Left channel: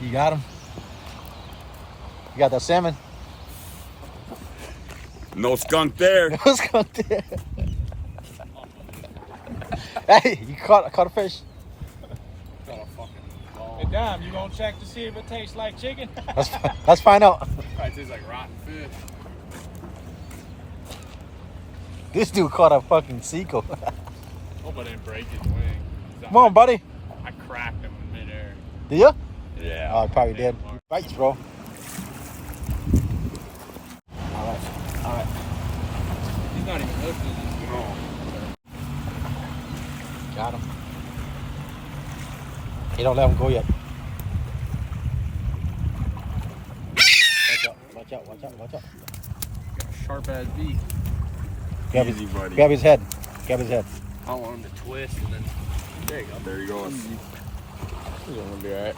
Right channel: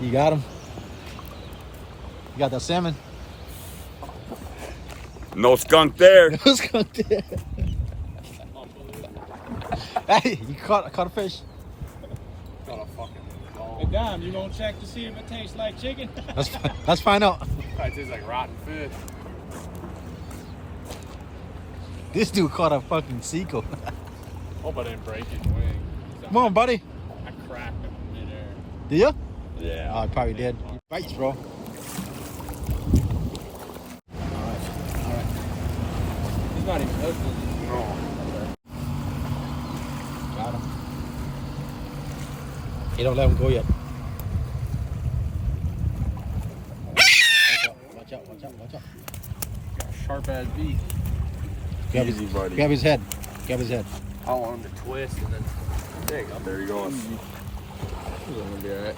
You got him? You got that salmon? No skunk there. No skunk there. Hey, you caught a fish. Got a fucking ball. Hey, Dom, you gonna check to see if it tastes like chicken? Let's find out. Probably tastes like rotten fish. This dude caught a fucking seagull. Hope I didn't break his wing. Come on, buddy. I cracked him in midair. Did you? Yeah. Oh, I probably did. Bites, bro. He's not even hooked, is he? No. Got him. You don't let him go yet. Watch out. Got a sharp ass beak. Easy, buddy. Grab his head. Grab his head. I want him to twist and then. There you go. There you go. He's gonna do that.